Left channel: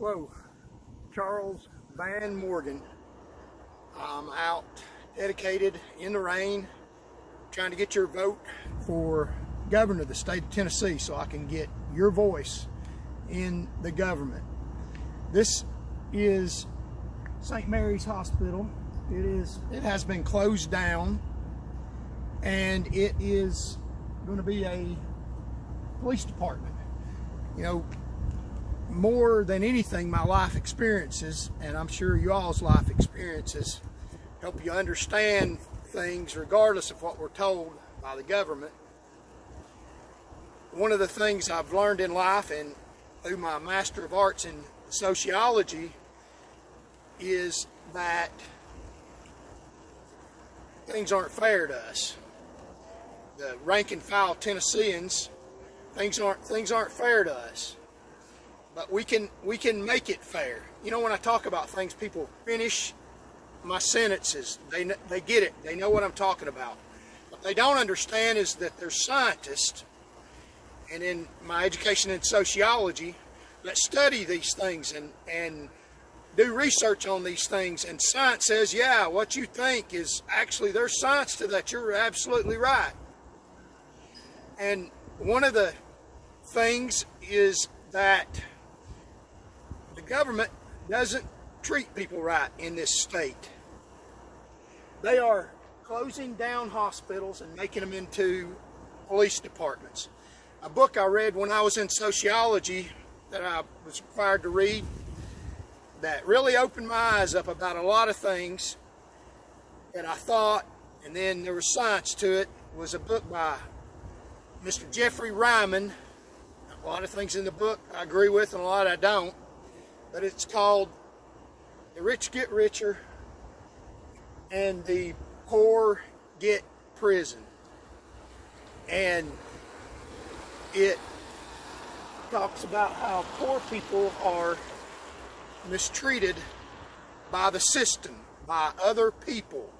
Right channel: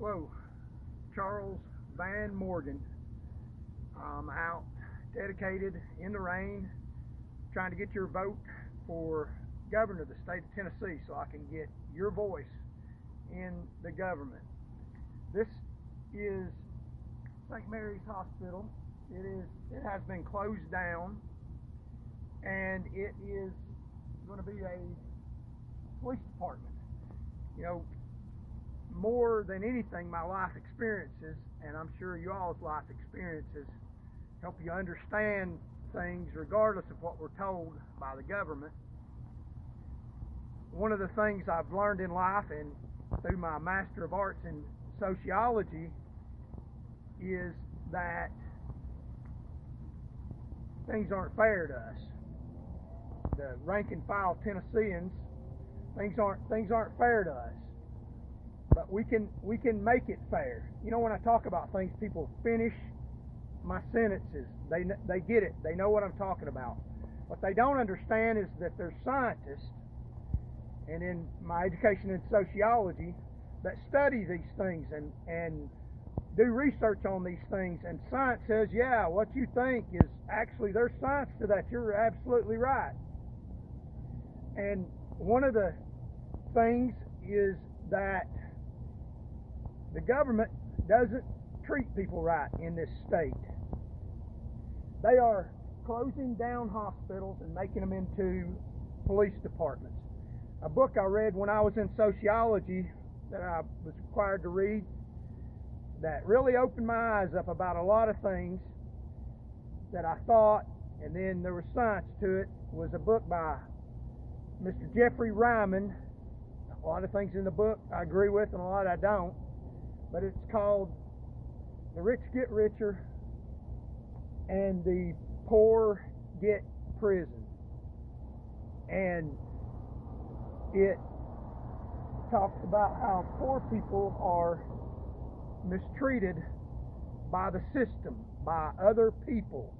Hello, Charles Van Morgan. I'm out dedicated in the rain trying to get your vote for governor of the state of Tennessee so I can get your voice in the government. This is St. Mary's Hospital. It has been closed down, and it is going to be a police department. You know, more than anything, my life experiences, and I'm sure you all's life experiences, help you understand things regardless of what we're told by the government. One of the things I've learned in life and through my Master of Arts in Sociology is that things aren't fair to us. The rank and file Tennesseans, things aren't fair to us. But we can make it fair. You know, when I talk about things, people finish my sentences. They get it. They know what I'm talking about. What they don't understand is that there's scientists, and in my education in sociology, that study these things and do research on these things. And science says, yeah, what you think is actually, there's science to that. You're absolutely right. And one of the things is that the government doesn't treat people right in this state. They are closing down hospitals and making them into police departments. A book I read when I was in sociology that I was required to read that really opened my eyes up about a lot of things that I thought, and then there was science to it, was a book by Mr. Jeffrey Ryman. A lot of things in the book I agree with and a lot I don't. But it's called The Rich Get Richer and the Poor Get Prison. And it talks about how poor people are mistreated by the system, by other people,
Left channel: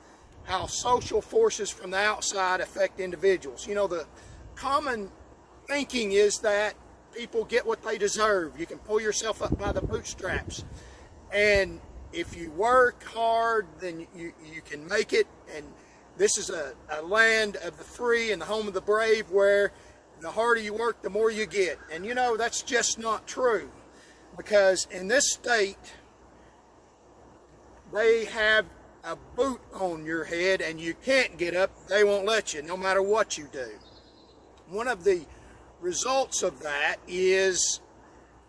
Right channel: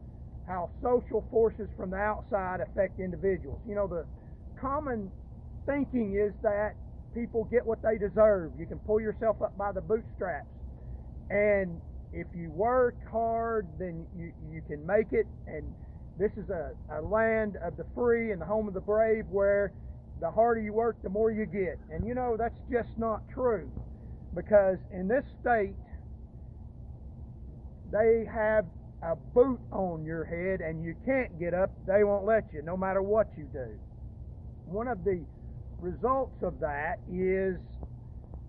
how social forces from the outside affect individuals. You know, the common thinking is that people get what they deserve. You can pull yourself up by the bootstraps. And if you work hard, then you can make it. And this is a land of the free and the home of the brave, where the harder you work, the more you get. And you know, that's just not true. Because in this state, they have a boot on your head and you can't get up. They won't let you, no matter what you do. One of the results of that is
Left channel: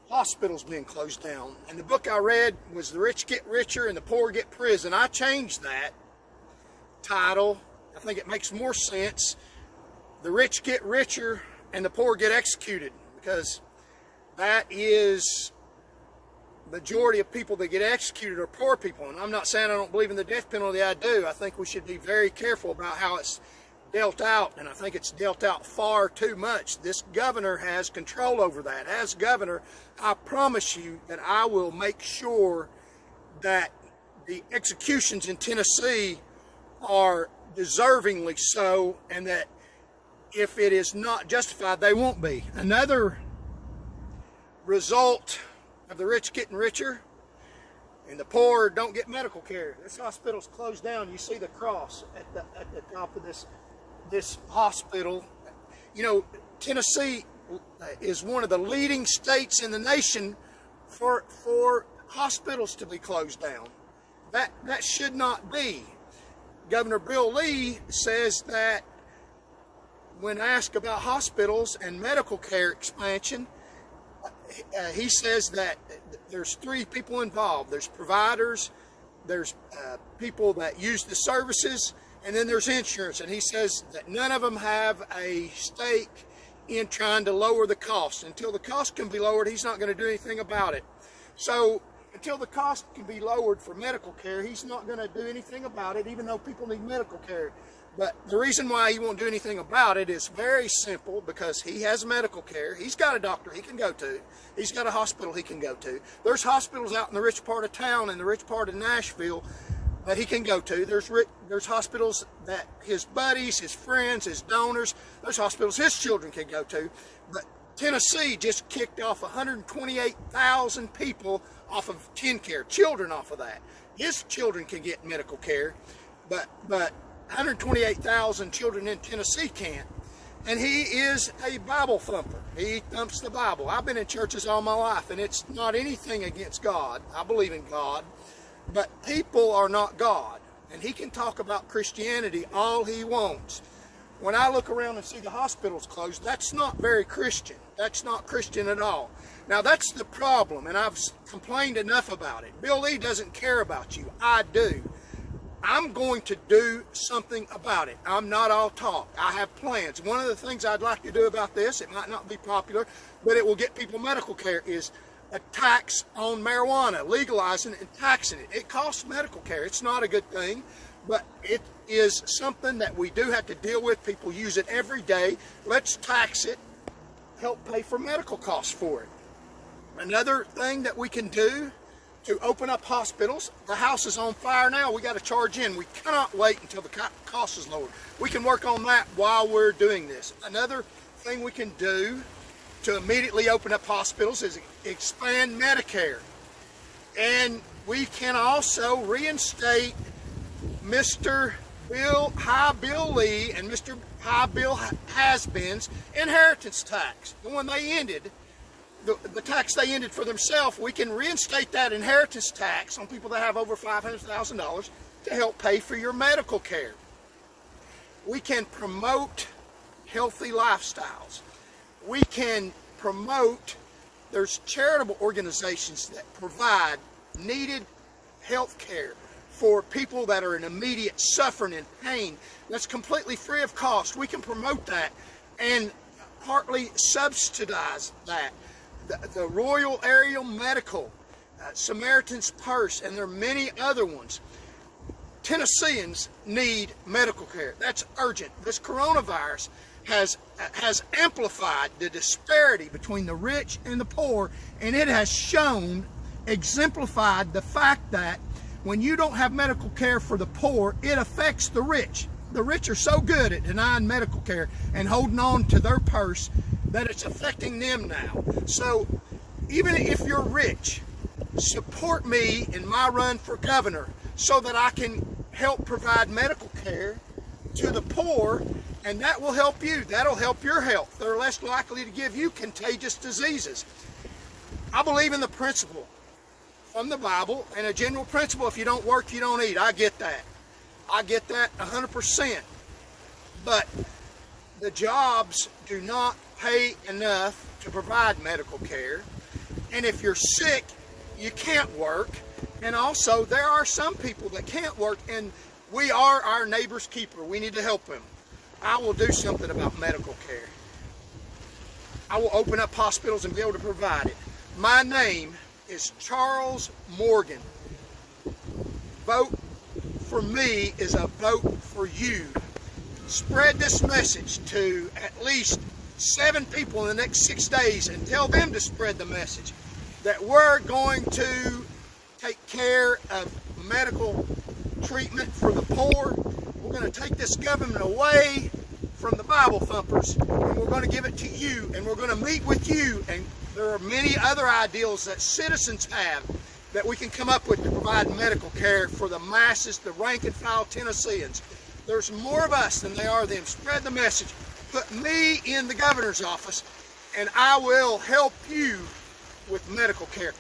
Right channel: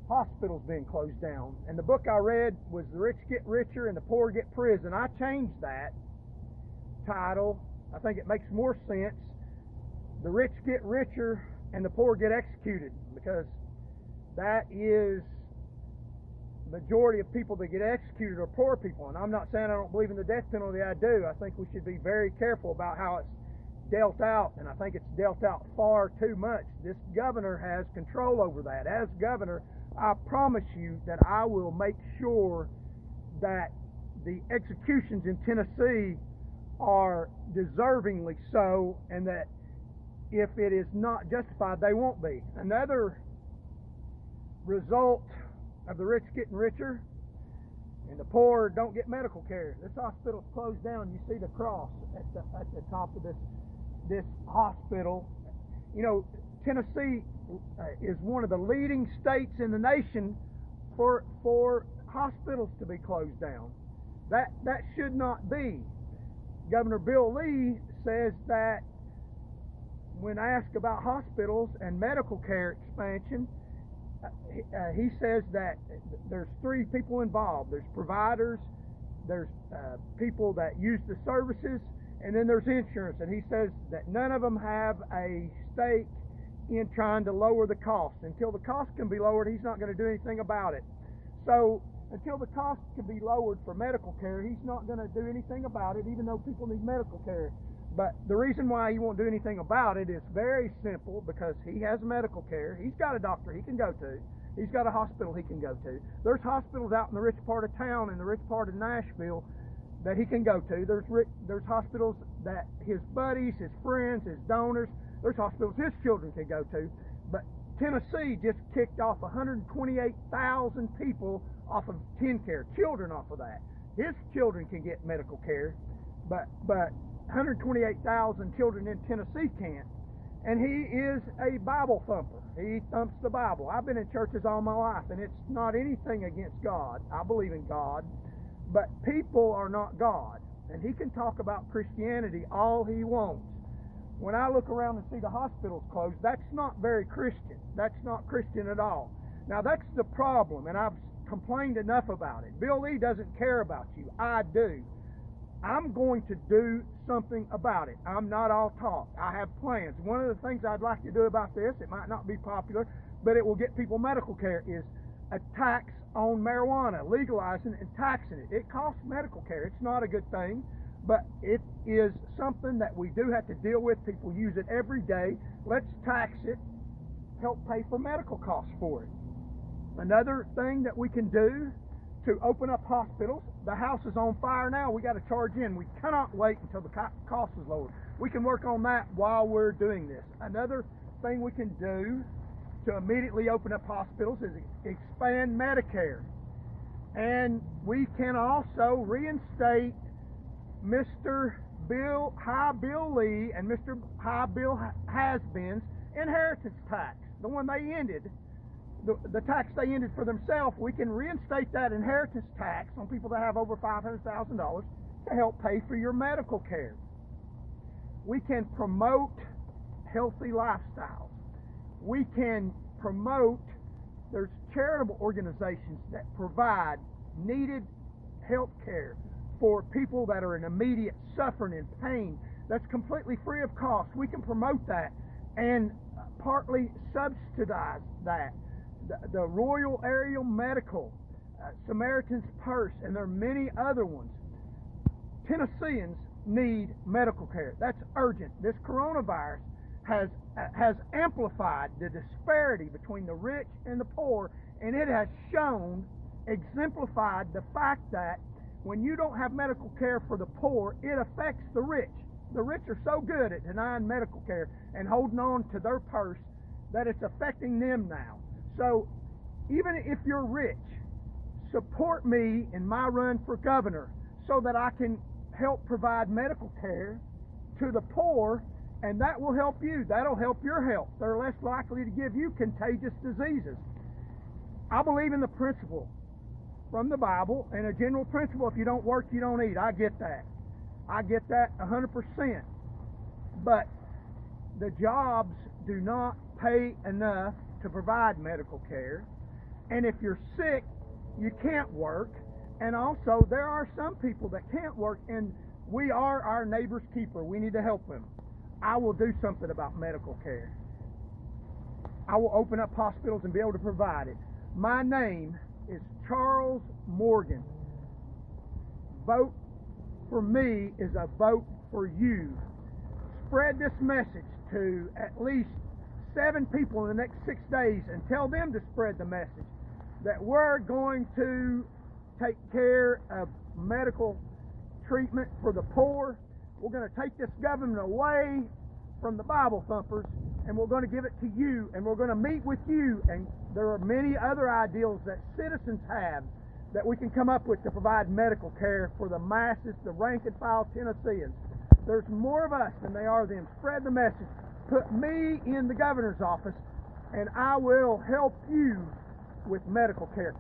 hospitals being closed down. And the book I read was The Rich Get Richer and the Poor Get Prison. I changed that title. I think it makes more sense. The rich get richer and the poor get executed, because that is the majority of people that get executed are poor people. And I'm not saying I don't believe in the death penalty. I do. I think we should be very careful about how it's dealt out, and I think it's dealt out far too much. This governor has control over that. As governor, I promise you that I will make sure that the executions in Tennessee are deservingly so, and that if it is not justified, they won't be. Another result of the rich getting richer and the poor don't get medical care. This hospital's closed down. You see the cross at the top of this hospital. You know, Tennessee is one of the leading states in the nation for hospitals to be closed down. That should not be. Governor Bill Lee says that when asked about hospitals and medical care expansion, he says that there's three people involved. There's providers, there's people that use the services, and then there's insurance. And he says that none of them have a stake in trying to lower the cost. Until the cost can be lowered, he's not going to do anything about it. So until the cost can be lowered for medical care, he's not going to do anything about it, even though people need medical care. But the reason why he won't do anything about it is very simple, because he has medical care. He's got a doctor he can go to. He's got a hospital he can go to. There's hospitals out in the rich part of town, in the rich part of Nashville, that he can go to. There's hospitals that his buddies, his friends, his donors, there's hospitals his children can go to. But Tennessee just kicked off 128,000 people off of TennCare, children off of that. His children can get medical care, but 128,000 children in Tennessee can't. And he is a Bible thumper. He thumps the Bible. I've been in churches all my life, and it's not anything against God. I believe in God, but people are not God. And he can talk about Christianity all he wants. When I look around and see the hospitals closed, that's not very Christian. That's not Christian at all. Now, that's the problem, and I've complained enough about it. Bill Lee doesn't care about you. I do. I'm going to do something about it. I'm not all talk. I have plans. One of the things I'd like to do about this, it might not be popular, but it will get people medical care, is a tax on marijuana, legalizing and taxing it. It costs medical care. It's not a good thing, but it is something that we do have to deal with. People use it every day. Let's tax it, help pay for medical costs for it. Another thing that we can do to open up hospitals, the house is on fire now. We got to charge in. We cannot wait until the cost is lowered. We can work on that while we're doing this. Another thing we can do to immediately open up hospitals is expand Medicare. And we can also reinstate Mr. Bill Lee and Mr. High Bill Has-Been's inheritance tax, the one they ended. The tax they ended for themselves, we can reinstate that inheritance tax on people that have over $500,000 to help pay for your medical care. We can promote healthy lifestyles. We can promote, there's charitable organizations that provide needed health care for people that are in immediate suffering and pain. That's completely free of cost. We can promote that and partly subsidize that. The Royal Aerial Medical, Samaritan's Purse, and there are many other ones. Tennesseans need medical care. That's urgent. This coronavirus has amplified the disparity between the rich and the poor, and it has shown, exemplified the fact that when you don't have medical care for the poor, it affects the rich. The rich are so good at denying medical care and holding on to their purse that it's affecting them now. So even if you're rich, support me in my run for governor so that I can help provide medical care to the poor, and that will help you. That'll help your health. They're less likely to give you contagious diseases. I believe in the principle from the Bible, and a general principle: if you don't work, you don't eat. I get that. I get that 100%. But the jobs do not pay enough to provide medical care. And if you're sick, you can't work. And also, there are some people that can't work, and we are our neighbor's keeper. We need to help them. I will do something about medical care. I will open up hospitals and be able to provide it. My name is Charles Morgan. Vote for me is a vote for you. Spread this message to at least 7 people in the next 6 days and tell them to spread the message that we're going to take care of medical treatment for the poor. We're going to take this government away from the Bible thumpers, and we're going to give it to you, and we're going to meet with you. And there are many other ideals that citizens have that we can come up with to provide medical care for the masses, the rank and file Tennesseans. There's more of us than there are them. Spread the message. Put me in the governor's office, and I will help you with medical care.